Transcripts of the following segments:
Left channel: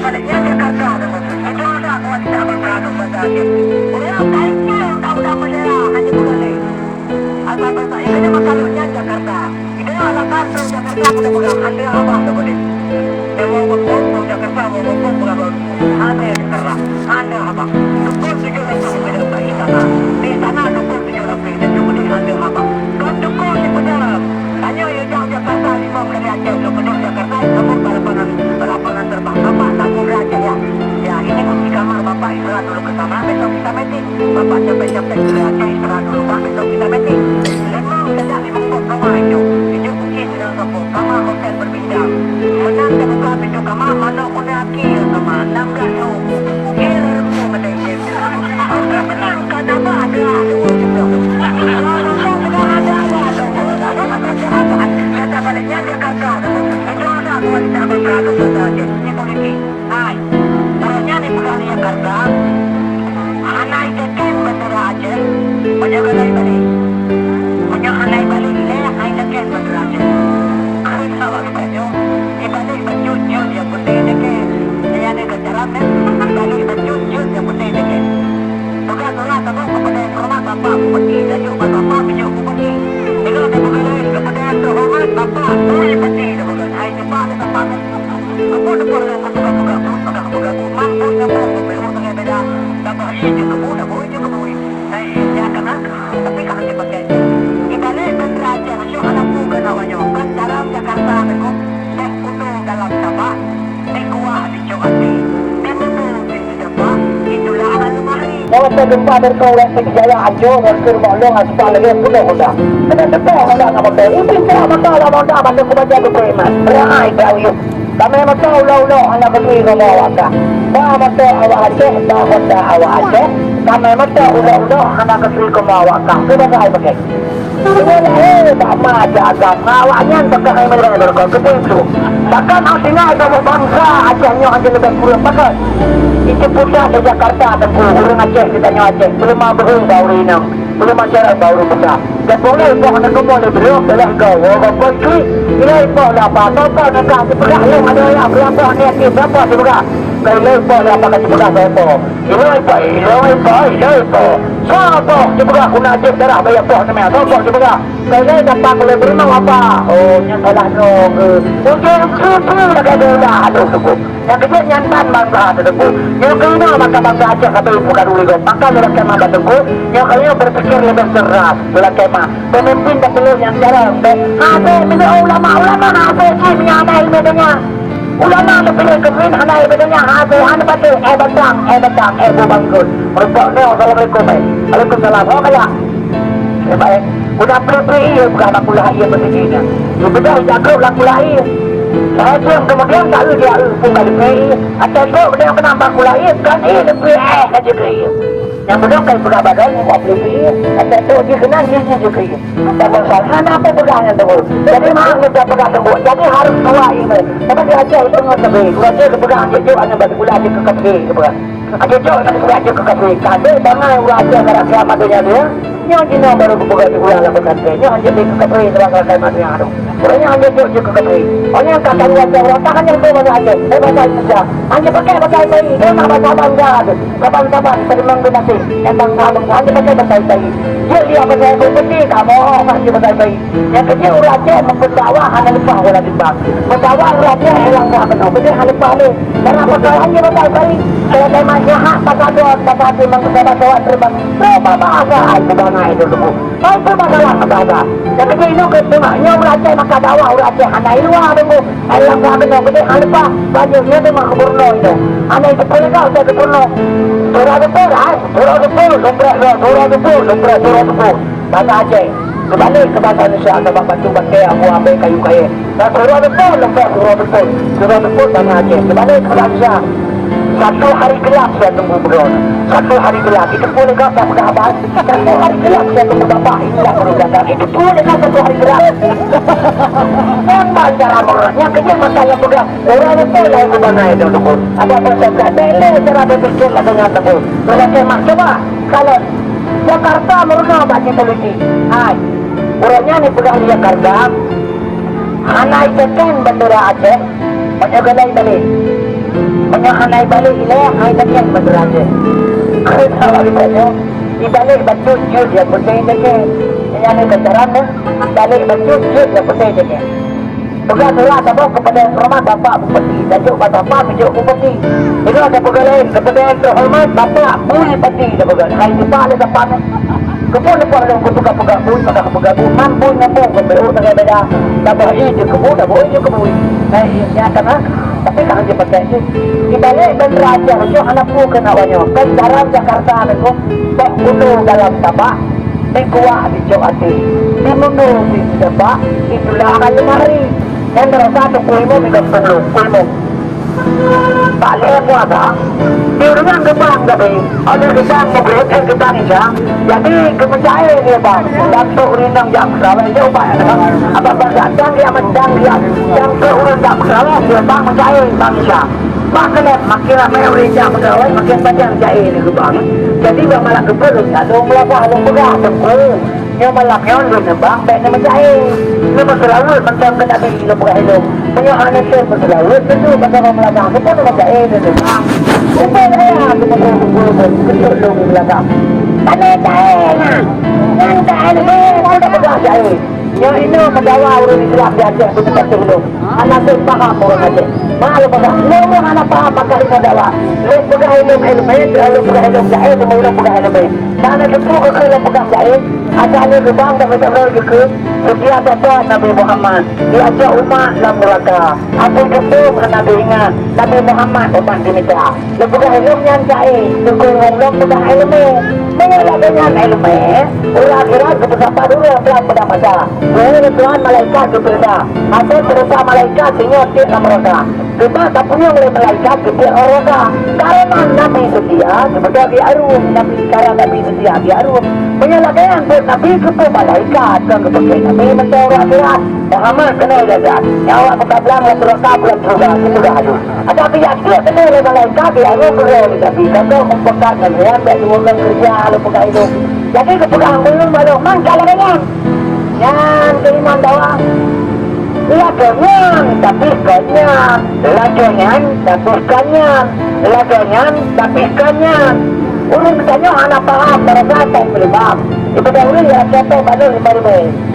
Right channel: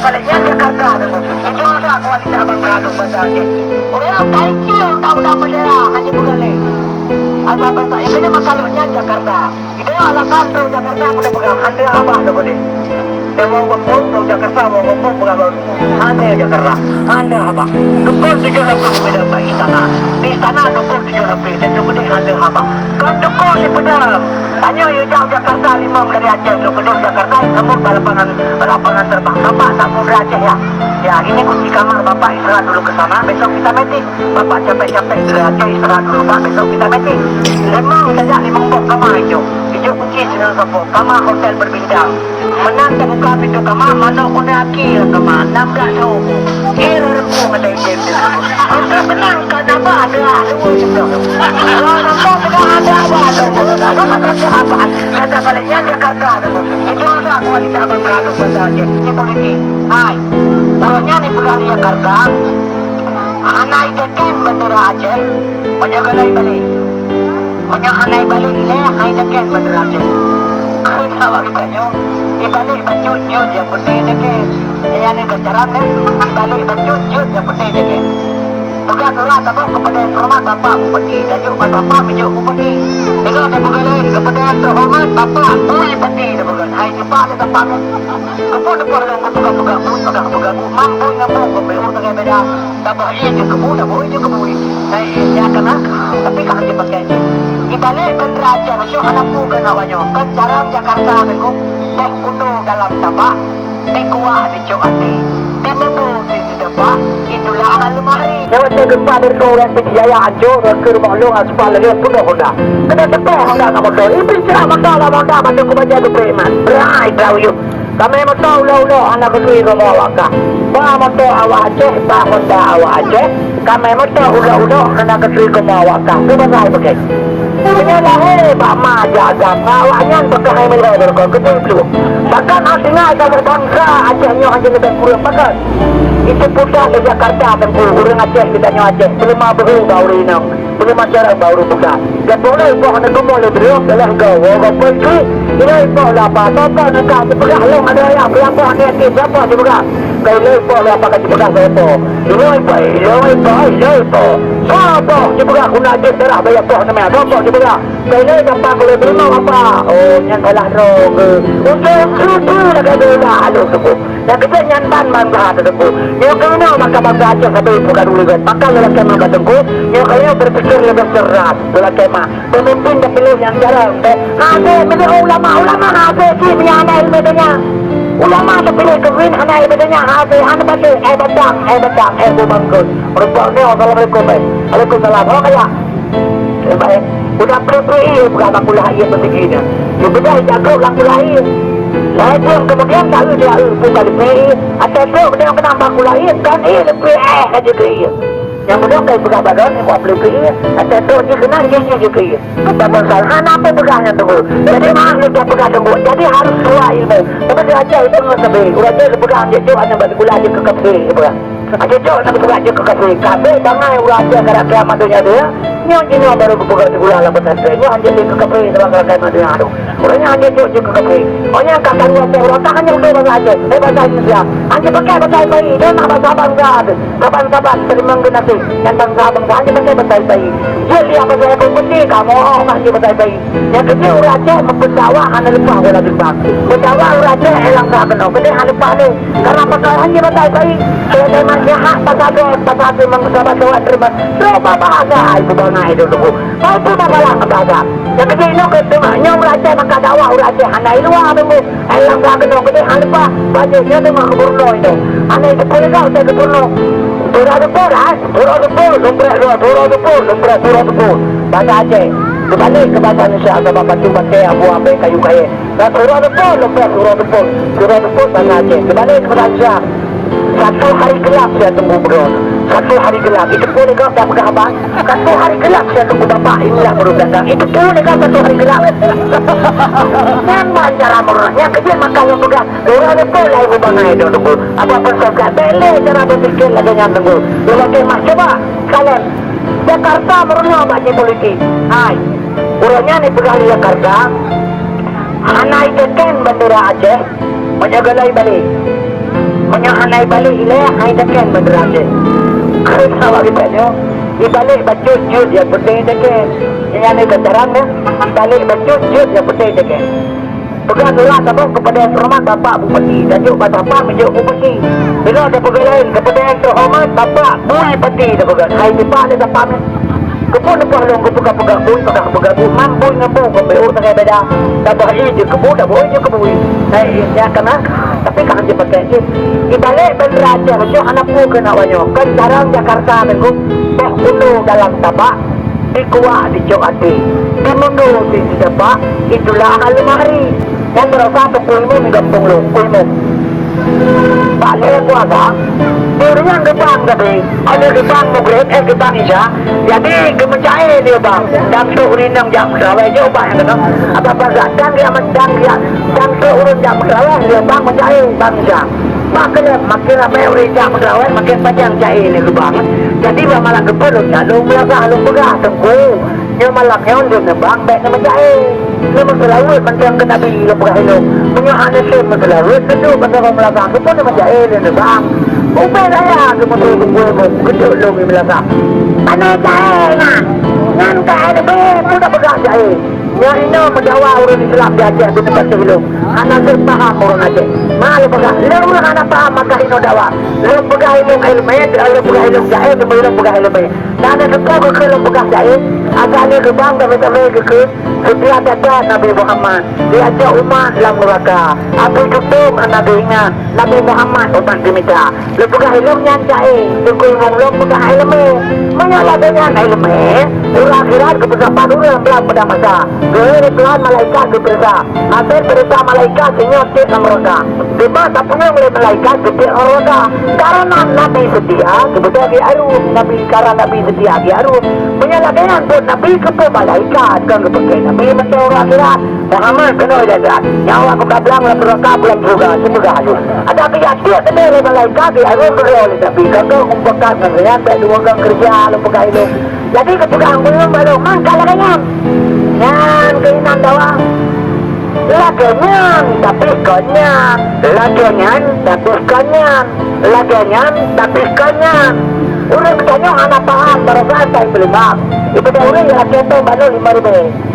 baliknya Jakarta. Itu ada wanita bangkado berarti. Oh, kayaknya udah bendera hanya boleh. Ada bahasa ini masalahnya Jakarta. Itu alasan tuh Jakarta udah pegang hati apa tuh boleh. Dewa Wapun tuh Jakarta Wapun pegang hati Jakarta. Anda apa? Dukun 7 beda di istana. Di istana dukun 7 dan kemudian hati apa? Kan dukun di pedang. Hanya yang jauh Jakarta 5 dari Aceh ke Pedang Jakarta namun lapangan terbang Bapak namun Aceh ya. Ya ini kunci kamar Bapak istirahat dulu ke sana. Besok kita meeting. Bapak capek-capek ke Aceh istirahat dulu Pak. Besok kita meeting. Lemang saja 5 pok kamar hijau. Hijau kunci dengan kapok. Kamar hotel berbintang. Menang dan buka pintu kamar. Mana kunaki yang kamar. Nambah jauh. Kira rempuh ada yang Anda tenang kan apa ada. Tunggu juga. Kalau nampak sedang ada apa. Kata baliknya Jakarta. Itu ada wanita bangkado berarti. Ini polisi. Hai. Orangnya nih pegang Jakarta. Anak itekin bendera Aceh. Banyak anai balik. Banyak anai balik ini. Anak itekin bendera Aceh. Kenapa kitanya? Ibalik bajut-jut yang putih itekin. Ini ada kejaran kan? Ibalik bajut-jut yang putih itekin. Bukan surat apa kepada hormat Bapak Bupati. Dajuk Bapak Bijuk Bupati. Itu ada bukan kepada terhormat Bapak Bupati. Hai Bapak ada Bapak. Apa depan dengan kebuka-buka mampu nyambung kebelu dengan beda. Bapak ini kebuka boleh kebui. Nah ya kena tapi kan dia pakai. Ibalik bendera Aceh masuk anak muda namanya. Kan cara Jakarta beku. Tek kuno dalam tabak. Tek kuah di Johati. Tek kuno di depan. Itulah alumari. Yang saya gempa dari Kawasan Jaya Ajo ke rumah long aspal lagi penuh Honda. Kena tepi Honda nak motor. Ini cerah motor lah Honda bantu ku baca tu preman. Berai tahu yuk. Kami motor ulo anak kedui rumah awak. Ba motor awak Aceh, ba Honda awak Aceh. Kami motor ulo anak kedui rumah awak. Tu berai pakai. Penyelah hebat mah jaga awaknya pakai hai mereka berkau kedui dulu. Bahkan aslinya kamu bangsa Acehnya hanya lebih kurang pakai. Itu pusat di Jakarta tentu orang Aceh ditanya Aceh belum baru baru ini belum acara baru pusat dan boleh kau nak boleh beliau telah kau apa itu ini kau apa apa nak kau pegang long ada ya berapa ni berapa juga kau lepas apa kau pegang apa ini apa siapa juga aku nak je darah bayar apa namanya siapa juga kau ni dapat boleh beri apa oh yang kalah dong untuk itu nak ada aduh tu yang kedua nyantan bangsa tersebut yang kena maka bangsa Aceh sampai bukan dulu maka dalam kemah batengku yang kalian berpikir lebih cerdas dalam kemah pemimpin dan pilih yang jarang ada menurut ulama ada sih menyamai ilmunya ulama terpilih kewin hana ilmunya ada batang bubangkul rupanya assalamualaikum waalaikumsalam oh kaya baik udah pre-pre bukan aku lahir begini lu bedah jaga ulang lahir saya pun kemudian kalau dia pun kali ini atau tu dia kena bangku lahir kan lebih aja ke yang betul kayak pegang badan mau beli atau tu dia kena gigi juga tapi salah apa pegangnya tu jadi mah dia pegang tu jadi harus tua ini tapi dia aja itu nggak sebel udah dia pegang dia tu hanya bagi gula aja ke kafe pegang aja tu nanti gula aja ke kafe kafe bangai udah aja karena kiamat dunia dia yang ini baru pegang gula lah pesantren yang hanya ke kafe sebab kiamat dunia aduh orangnya hanya tu ke kafe orangnya kata dia orang tak hanya itu aja bahasa Indonesia hanya pakai bayi dia nak bahasa bangga kapan-kapan terima kasih yang bangsa hanya pakai bayi dia lihat pakai kompeti kamu hanya pakai bayi yang kecil orang Aceh mempendawa hanya lupa orang Jepang pendawa orang Aceh hilang tak kenal jadi hanya lupa ni karena pakai hanya pakai bayi kalau saya masih hak pasal memang sahabat terbang coba bahasa itu bangga itu dulu kau pun masalah bahasa yang kecil itu ketemanya orang Aceh maka dakwah orang Aceh hanya luar tunggu hilang tak kenal jadi hanya lupa banyak dia tu mah keburno itu hanya itu boleh kau saya keburno Surah Dupur bahasa Aceh kembali ke bahasa Indonesia atau bapak cuma kayak abu-abu kayu-kayu nah Surah Dupur bahasa Aceh kembali ke bahasa Indonesia satu hari gelap saya tunggu berdua satu hari gelap itu boleh kau tak pegang abang satu hari gelap saya tunggu bapak inilah baru datang itu boleh kau satu hari gelap memang cara merahnya kecil maka yang pegang Surah Dupur lah ibu bangga itu tunggu apa-apa saya boleh cara berpikir lah dengan tunggu kalau kemah coba kalian Jakarta merenung banyak politik hai orangnya ni pegang Jakarta hana itekan bendera Aceh banyak galai balik Anay balik ilah, ay daken madrade. Kaya sama kita nyo, ibalik bajut-jut yang penting daken. Yang ini kendaraan ya, ibalik bajut-jut yang penting daken. Pegang surat apa kepada terhormat Bapak Bupati, tajuk Bapak menjuk Bupati. Bila ada pegawai kepada terhormat Bapak Bui Pati, dah pegang. Hai tiba le dapat ni. Kepun depan long kebuka-buka bui, maka kebuka bui, mampu ngapu ke BU tak beda. Dapat ide kebu dah boleh je kebui. Hai ya kena. Tapi kan dia pakai ni. Ibalik dan raja menjuk anak pu kena wanyo. Kan dalam Jakarta mengko bak utuh dalam tapak. Di kuat di jok hati. Di mundur di dapat itulah lemari. Yang terasa pulmu menggantung lu, pulmu. Tak boleh puasa. Diurusan gebang tapi, ada gebang mobil, gebang isya. Jadi kemencai dia bang. Dan keurindang jam kerawai dia ubah yang kena. Apa gadang dia mendang dia dan keurun jam kerawai dia bang mencai bang isya. Makin ramai orang jam kerawai makin panjang jahit dia gebang. Jadi dia malah kepelun, lalu melagak, lalu pegah tengku. Yang malam yang dia bang, baik nama jahit. Dia masalawat macam kena bagi dia pegah hidup. Penyahan itu masalawat itu macam melagak. Kepun nama jahit dia bang. Upay saya cuma tunggu kecil lu di belakang. Tanah jahit nak. Yang jahit ni kita pegang jahit. Yang ini mendawa orang Islam di Aceh di tempat tu. Anak tu faham orang Aceh. Malu pegang. Lu anak faham maka ini dawa. Lu pegang ilmu ilmiah, lu pegang ilmu jahit, semua lu pegang ilmiah. Dan ada tu lu pegang jahit. Ada ni gebang dan betul ke. Setiap ada Nabi Muhammad. Dia ajak umat dalam neraka. Apa ketum Nabi ingat. Nabi Muhammad umat diminta. Lu pegang ilmunya jahit. Tunggu ngomong pegang ilmu. Mengalah dengan ilmu. Orang akhirat kebesaran dulu dalam pada masa. Kebesaran malaikat kebersa. Atau perintah malaikat sehingga tiap mereka. Bebas tak punya oleh malaikat tiap mereka. Karena Nabi setia. Kebetulan di arum. Nabi karena Nabi setia di arum. Mengalah dengan buat Nabi kepada malaikat. Kan kepada Nabi macam orang akhirat. Muhammad kena jaga. Nyawa aku kablang lah beraka bulan juga. Semoga ada. Ada pihak tiap kena oleh malaikat di arum berani. Tapi kalau kumpulan dengan tak dua orang kerja. Pegang itu. Jadi kepegang belum baru mangkal dengan yang keinginan doang. Lagenyan tapi kanyan, lagenyan tapi kanyan, lagenyan tapi kanyan. Orang bertanya anak paham berapa saya belum paham. Itu dah orang yang kata baru 5,000.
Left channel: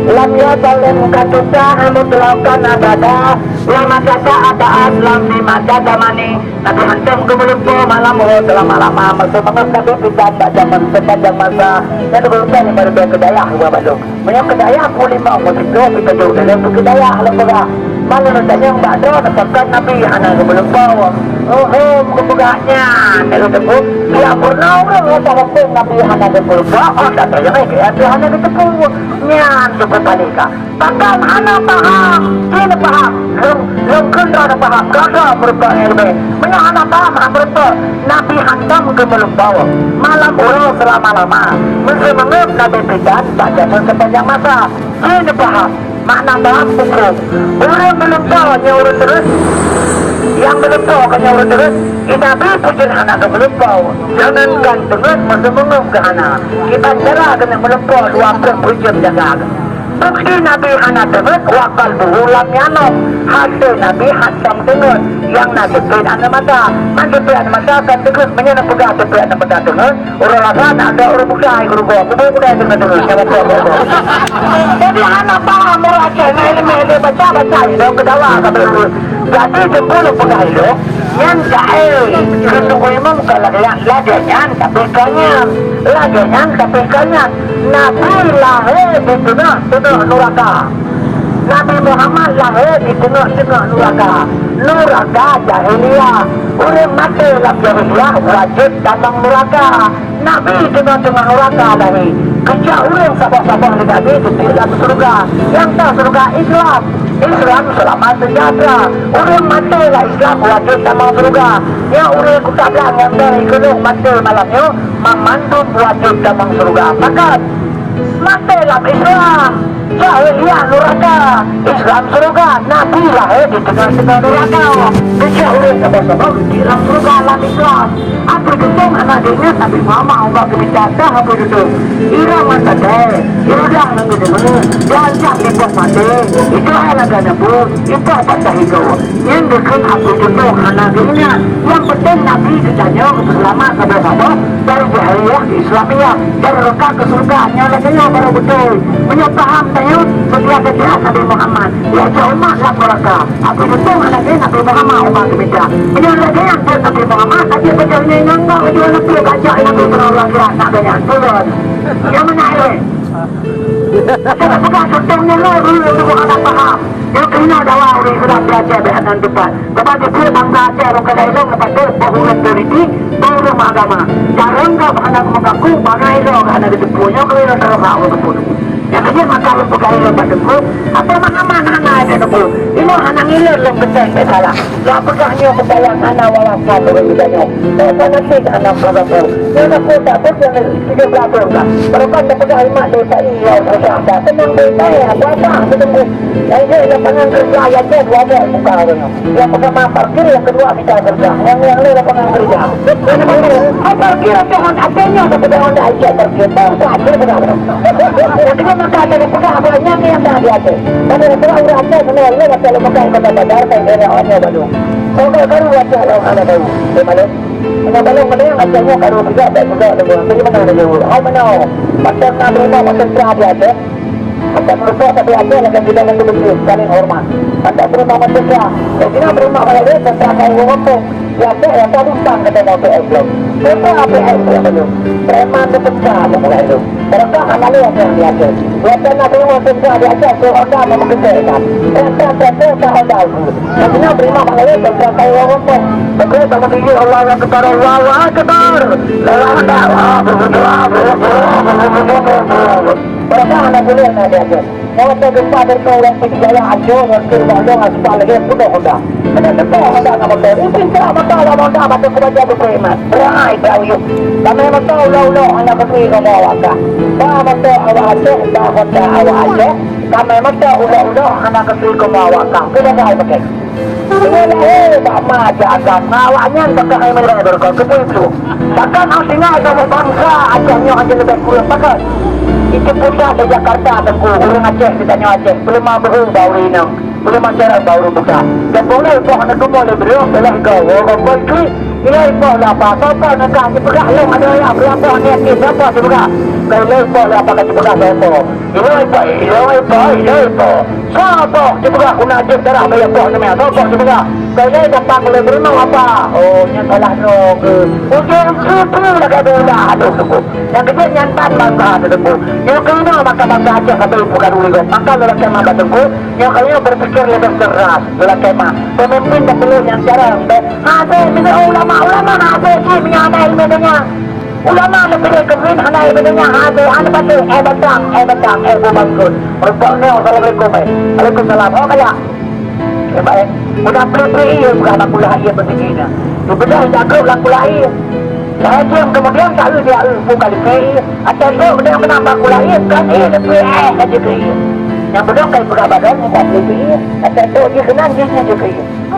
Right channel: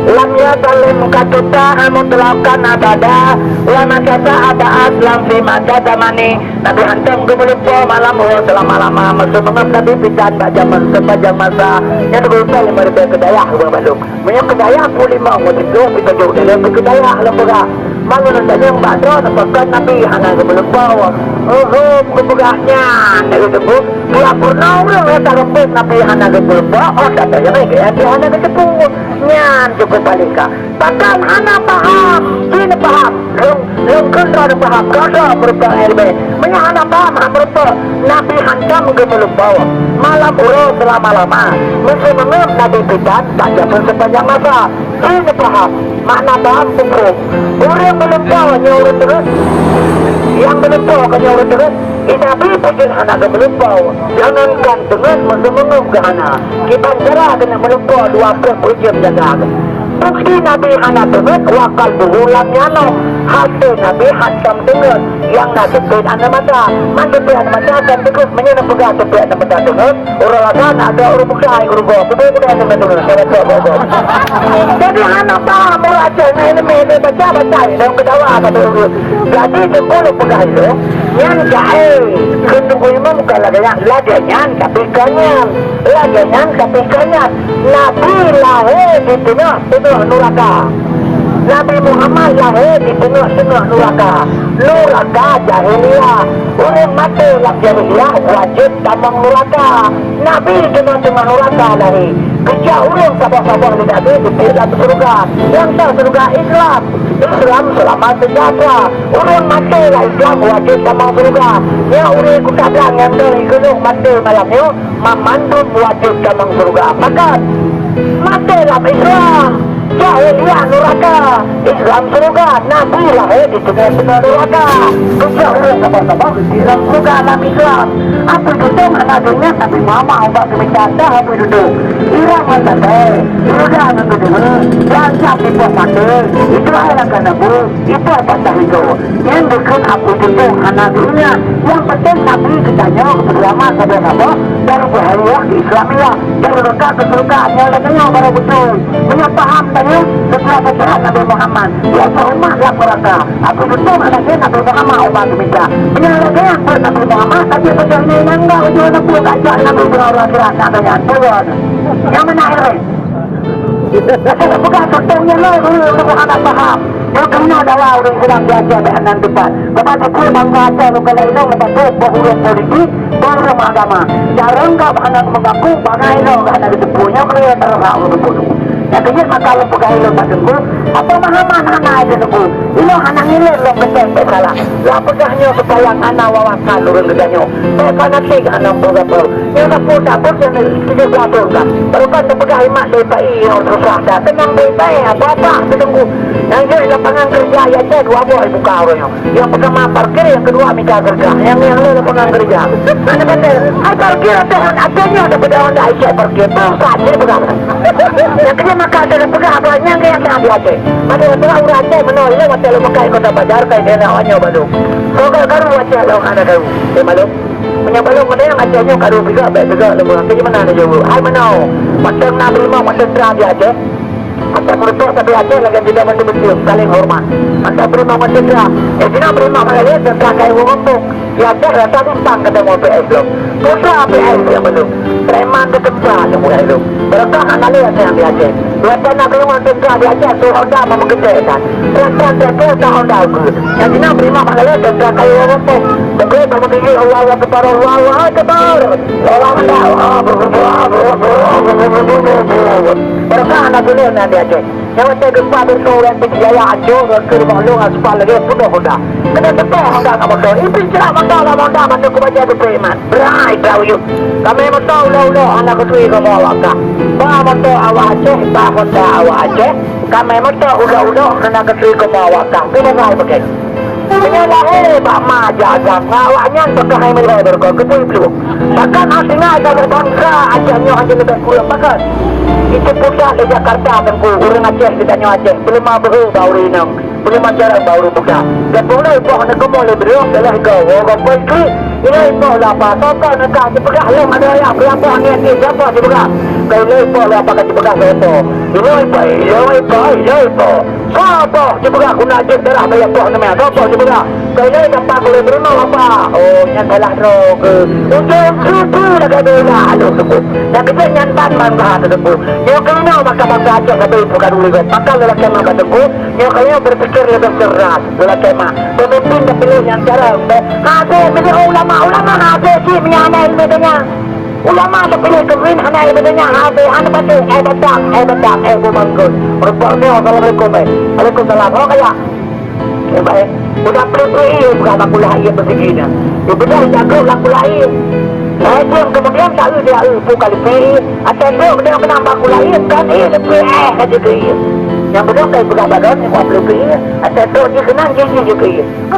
Lam yadalun katuta amutlakan adada lama kata ada aslam di mata zamani Nabi hantam kemelumpo malam telah malam maksud mengat Nabi bercanda zaman sepanjang masa yang terberusaha 5,000 kedaya ke Bandung banyak kedaya pun 5 musik 2 kita jauh dalam kedaya lembaga malu nantanya yang badro nafakan Nabi anak kemelumpo kebugaknya dari tepuk dia pernah orang kata kepung Nabi anak kemelumpo datanya Nabi anak ketepung nyan cukup palika bahkan anak paham ini paham long kendra ada paham kada merupakan ilmu banyak anak paham merupakan Nabi hantam ke melumpawa malam urus selama-lama mesti mengep Nabi pidan tak jaman sepanjang masa ini paham makna paham hukum orang melumpawa nyurut terus yang melumpawa ke nyurut terus Nabi pujian anak ke melumpawa jangankan dengan mesti mengep ke anak kita cara kena melumpawa 2 pujian jaga bukti Nabi anak dengar wakal berulam nyanom hasil Nabi hantam dengar yang nak tepid anak mata mandepid anak mata kan dengar menyana pegang tepid anak mata dengar orang lasan ada orang buka guru gua kuda yang dengar siapa bawa jadi anak paham orang Aceh ilmu baca dan kedawa kabel jadi jempol pegang itu yang jahil kendung imam bukan lagi nyan tapi kanyan lagi nyan tapi kanyan Nabi lahir di tengah neraka Nabi Muhammad lahir di tengah neraka jahiliyah orang mati dalam jahiliyah wajib tamang neraka Nabi di tengah neraka lahir kerja orang sabar-sabar di Nabi di dalam surga yang tak surga Islam selamat sejahtera orang mati lah Islam wajib tamang surga yang orang ikut bilang yang dari gunung mati malamnya memandung wajib tamang surga maka mati dalam Islam Jahiliyah neraka, Islam surga, Nabi lah di tengah-tengah neraka. Jahiliyah sabar-sabar, Islam surga, alam Islam. Apa duduk anaknya tapi mama obat berbicara apa duduk. Irama tadai, irudah menggunakan, jangan siap buat mati. Itu adalah kenabu, itu apa itu. Yang dekat apa duduk anaknya. Yang penting Nabi kitanya selamat sabar-sabar dari jahiliyah Islamiyah, dari neraka ke surga. Yang katanya baru betul. Menyepaham tanya setelah kejahat Nabi Muhammad. Ya umat lah neraka. Apa betul anaknya Nabi Muhammad obat berbicara. Menyalahkan buat Nabi Muhammad tapi betulnya enggak ujung Nabi kacau Nabi berulang gerak Nabi turun. Yang mana ini? Saya bukan contohnya lah dulu untuk anda paham. Yang kena dawa orang Islam belajar dengan depan. Kepada dia bangga aja bukan lain lepas tu berhuruf politik, berhuruf agama. Cara enggak anak mengaku bangai lo anak ditempuhnya kalau yang tahu hak bertempuh. Yang kecil maka lo pegang ilo pada tempuh. Apa mahaman anak ada tempuh. Ilo anak ilo lo besar salah. Lah pegahnya petayang anak wawasan turun gedanya. Mereka nanti anak berapa. Yang aku dapat yang tidak berapa kan. Baru kan pegang imak lepas iya susah dah. Tenang baik-baik apa-apa ditunggu. Yang dia lapangan kerja ya cek dua boy buka orangnya. Yang pertama parkir, yang kedua minta kerja. Yang lain lapangan kerja. Mana pandai? Parkir dengan adanya dapat anda isi parkir. Tahu saja berapa. Yang kedua maka ada pegang banyak yang tak ada. Pada setelah urut cek menolak macam lo makai kota Badar kayak kena awalnya baru. Kalau karu wajah lo ada karu. Malu. Menyabalong mana yang acanya karu juga baik juga lo. Jadi mana ada jauh. Hai mana? Macam nak terima macam terah dia aja. Macam mertua tapi aja lagi tidak menduduki saling hormat. Macam berima manusia. Sini berima kalau dia tentang kayu ngomong. Ya saya tadi tang kata mau PS belum. Kita APS yang belum. Preman bekerja yang mulai belum. Berkah analis yang diaje. Dua pernah berima kerja diaje. So Honda mau mengerjakan. Terus Honda aku. Yang sini berima kalau dia tentang kayu ngomong. Begitu kamu tinggi Allah Akbar Allah Akbar. Lewat Allah berkah anak boleh nanti aja. Yang ada gempa berkauran berjaya hancur berkir balong aspal lagi penuh Honda. Kena betul Honda nggak betul. Ini pincar betul lah Honda macam kebaca berpreman. Berai tahu yuk. Kami betul lo anak ketui kamu awak tak. Bah betul awak aja, bah Honda awak aja. Kami betul udah anak ketui kamu awak tak. Tidak saya pakai. Inilah Pak jaga ngawaknya untuk kami driver kau keputu. Bahkan aslinya ada bangsa acahnya aja lebih kurang bahkan. Itu pusat di Jakarta tengku orang Aceh ditanya Aceh belum baru ini belum acara baru buka. Dan boleh buat nak boleh beri telah kau kau itu ini boleh apa kau nak kau juga lo ada yang berapa ni siapa juga kau boleh apa kau juga siapa ini siapa juga guna je darah bayar apa namanya siapa juga kau ni dapat boleh beri apa oh nyantalah rok untuk itu nak ada lalu tu yang kita nyantan bangga tu yang kena maka bangga aja sampai bukan dulu maka lelaki maka tengku yang kalian berpikir lebih keras lelaki mah pemimpin dan pilih yang cara hasil ini ulama hasil sih menyamai ilmunya ulama terpilih kebin hanya ilmunya hasil anda betul betang bangkut rupanya assalamualaikum waalaikumsalam oh kaya baik udah pilih bukan aku lahir begini betul jago laku lahir Lain kemudian kalau dia buka lagi, atau kemudian menambah kulai kan ini lebih aja ke yang betul kayak buka badan yang boleh ke atau dia kena gigi juga.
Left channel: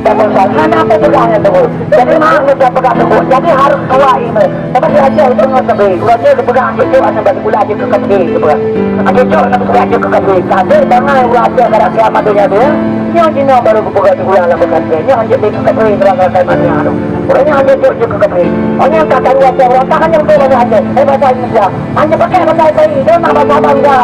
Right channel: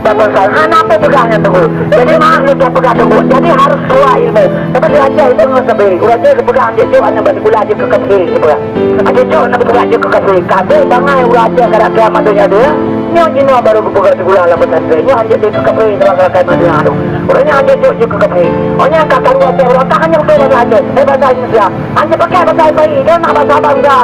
Dan masalah apa juga yang tu. Jadi mahal dia pegang tu. Jadi harus tua ini. Tapi dia aja itu nggak sampai. Orang dia pegang dia cuma nak bagi gula aja ke kafe. Aja cuma nak bagi aja ke kafe. Kafe bangai orang aja kerana kiamat dunia dia. Yang ini baru buka gula lah pesantren. Yang hanya dia ke kafe dalam kafe mana ada. Orangnya hanya dia ke kafe. Orangnya kata dua orang tak hanya betul aja. Bahasa Indonesia. Hanya pakai bahasa bayi. Dia nak bahasa bangga.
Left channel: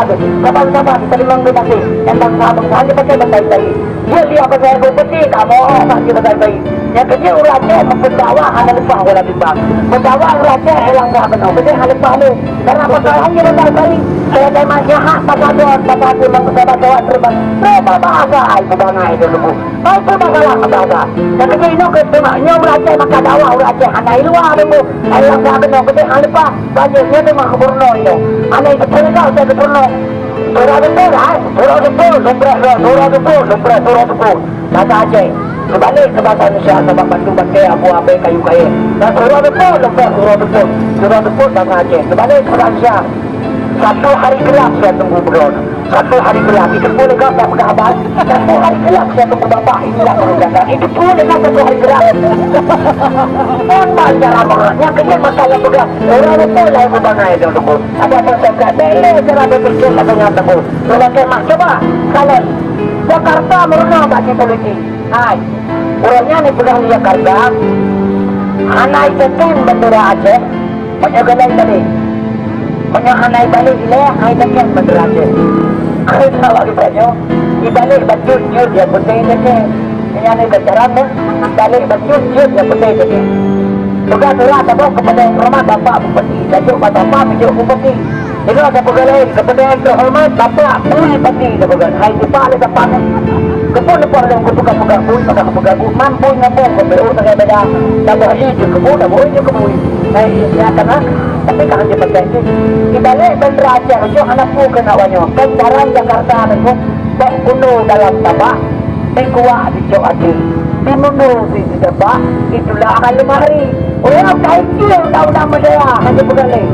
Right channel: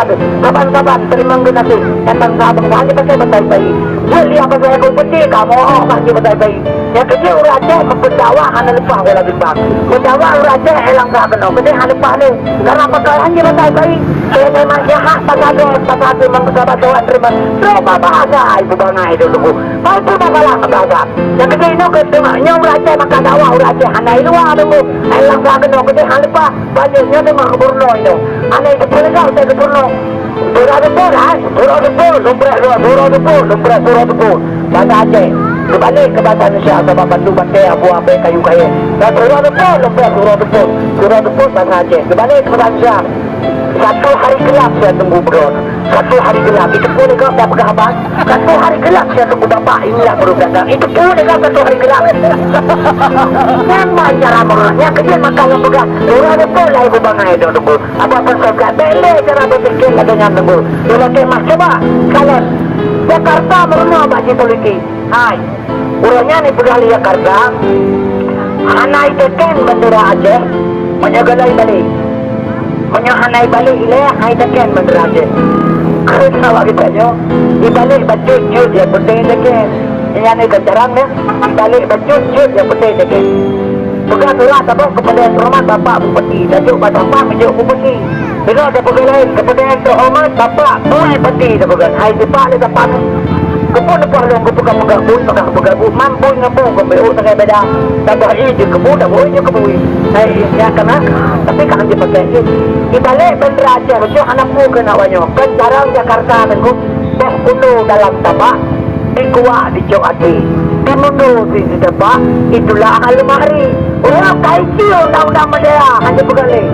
Kapan-kapan terima nanti. Tentang sabang hanya pakai bahasa bayi. Dia lihat bahasa kau peti kamu hanya bahasa bayi. Yang kedua orang Aceh mempendawa hanya lepas wala timbang. Mempendawa orang Aceh hilang tak kenal. Jadi hanya lepas ni. Karena pakai hanya bahasa bayi. Saya memang jahat bahasa dia. Bahasa dia memang kawan terima. Coba bahasa ibu bangai itu dulu. Kau tu dah kalah bahasa. Yang kedua ini ketemu. Yang orang Aceh maka dakwah orang Aceh hanya luar dulu. Hilang tak kenal. Jadi hanya lepas. Banyaknya memang keburno itu. Hanya itu perikau saya keburno. Surah Depur, surah Depur. Bahasa Aceh. Kembali ke bahasa Indonesia sebab bantu pakai abu-abu kayu kayu. Dan surah Depur, surah Depur bahasa Aceh. Kembali ke bahasa Indonesia. Satu hari gelap saya tunggu berdoa. Satu hari gelap itu pun kau tak berkabar. Satu hari gelap saya tu dapat inilah perundangan. Itu pun dengan satu hari gelap. Memang cara mengelaknya kerja makan yang pegang. Orang itu lah ibu bangai itu tunggu. Ada persekat beli cara berpikir lah dengan tunggu. Kalau kemas coba kalau Jakarta merenung bagi politik. Hai, orangnya ni pegang di Jakarta. Hanai teken bendera Aceh, menjagalai balik. Menyahanai balik ilah, hai teken bendera Aceh. Kalau awak ditanya, di balik baju jut yang penting teken. Yang ni kejaran ya, balik baju jut yang penting teken. Bukan surah tabuk kepada rumah bapak bupati, tajuk bapak menjuk bupati. Dengar ada pegawai kepada yang terhormat bapak bupati tabuk. Hai bapak le bapak. Kepun depan dengan ketukar pegak bui, maka pegak bui mampu ngapu kebeu tak beda. Tambah hiji kebu, dah bui je kebui. Hai ya kena, tapi kan dia pakai di balik bendera Aceh lucu anak pu kena wanyo. Kan barang Jakarta nengku dah penuh dalam tabak, dikuak di cok hati. Dimundur di tabak, itulah akan lemari. Orang kaya kio tahu nama dia, hanya pegalik.